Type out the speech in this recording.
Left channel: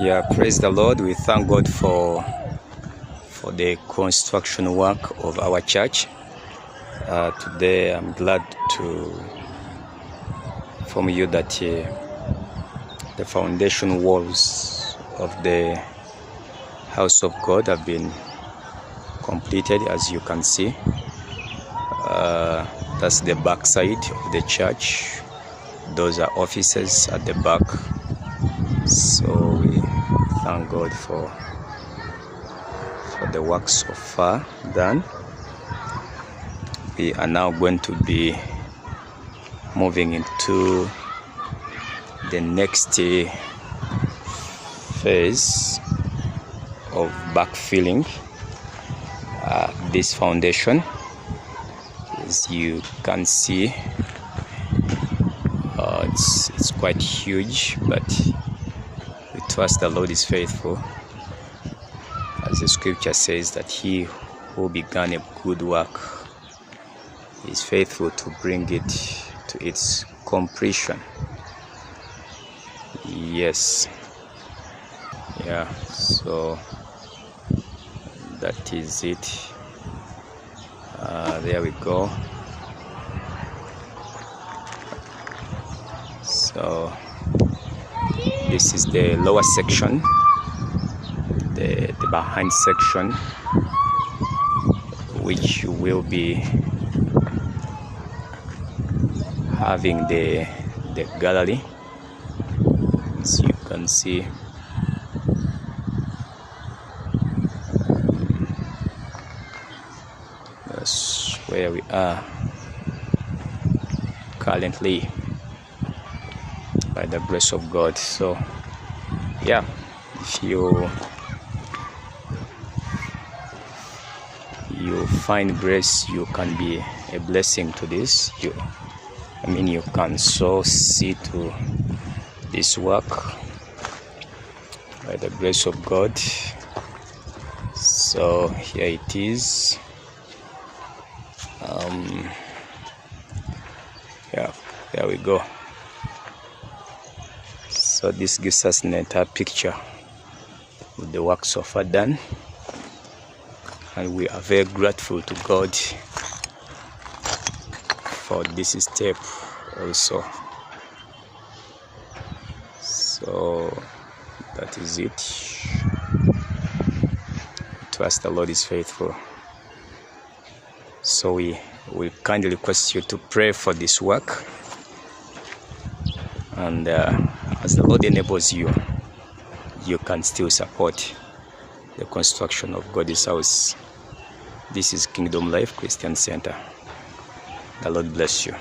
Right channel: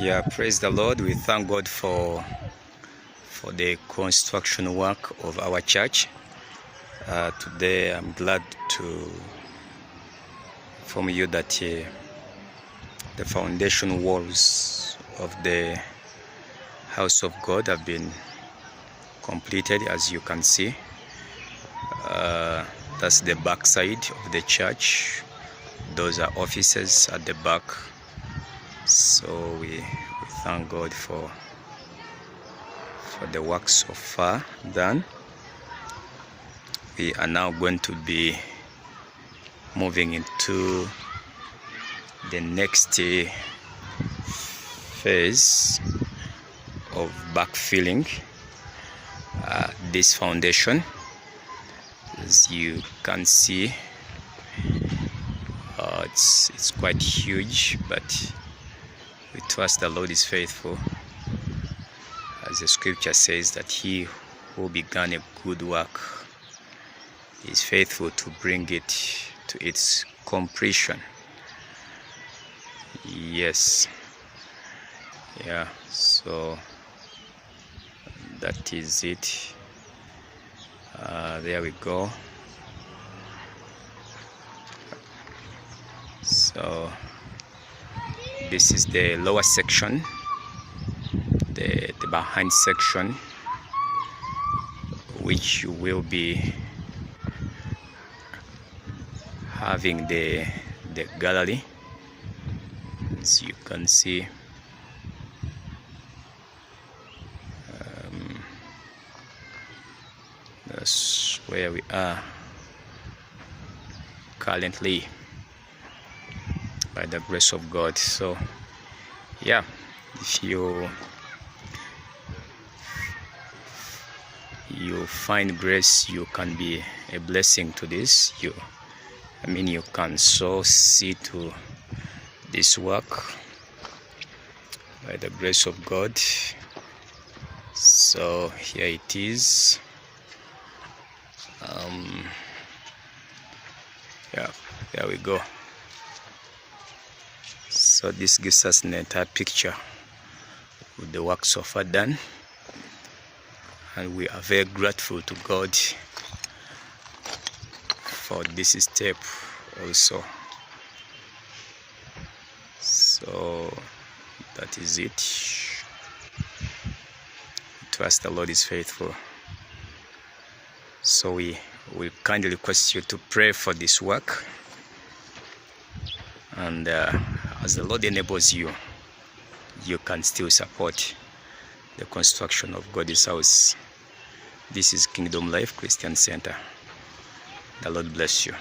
Yeah, praise the Lord. We thank God for the construction work of our church. Today I'm glad to inform you that the foundation walls of the house of God have been completed, as you can see. That's the back side of the church. Those are offices at the back. So we thank God for the work so far done. We are now going to be moving into the next phase of backfilling this foundation. As you can see, it's quite huge, but we trust the Lord is faithful, as the scripture says that he who began a good work is faithful to bring it to its completion. Yes, yeah, so that is it. There we go. So this is the lower section, the behind section, which will be having the gallery. As you can see, that's where we are currently, by the grace of God. So yeah, if you find grace, you can be a blessing to this. You can sow seed to this work by the grace of God. So here it is. Yeah, there we go. So this gives us an entire picture of the work so far done, and we are very grateful to God for this step also. So that is it. Trust the Lord is faithful. So we kindly request you to pray for this work, and as the Lord enables you, you can still support the construction of God's house. This is Kingdom Life Christian Center. The Lord bless you.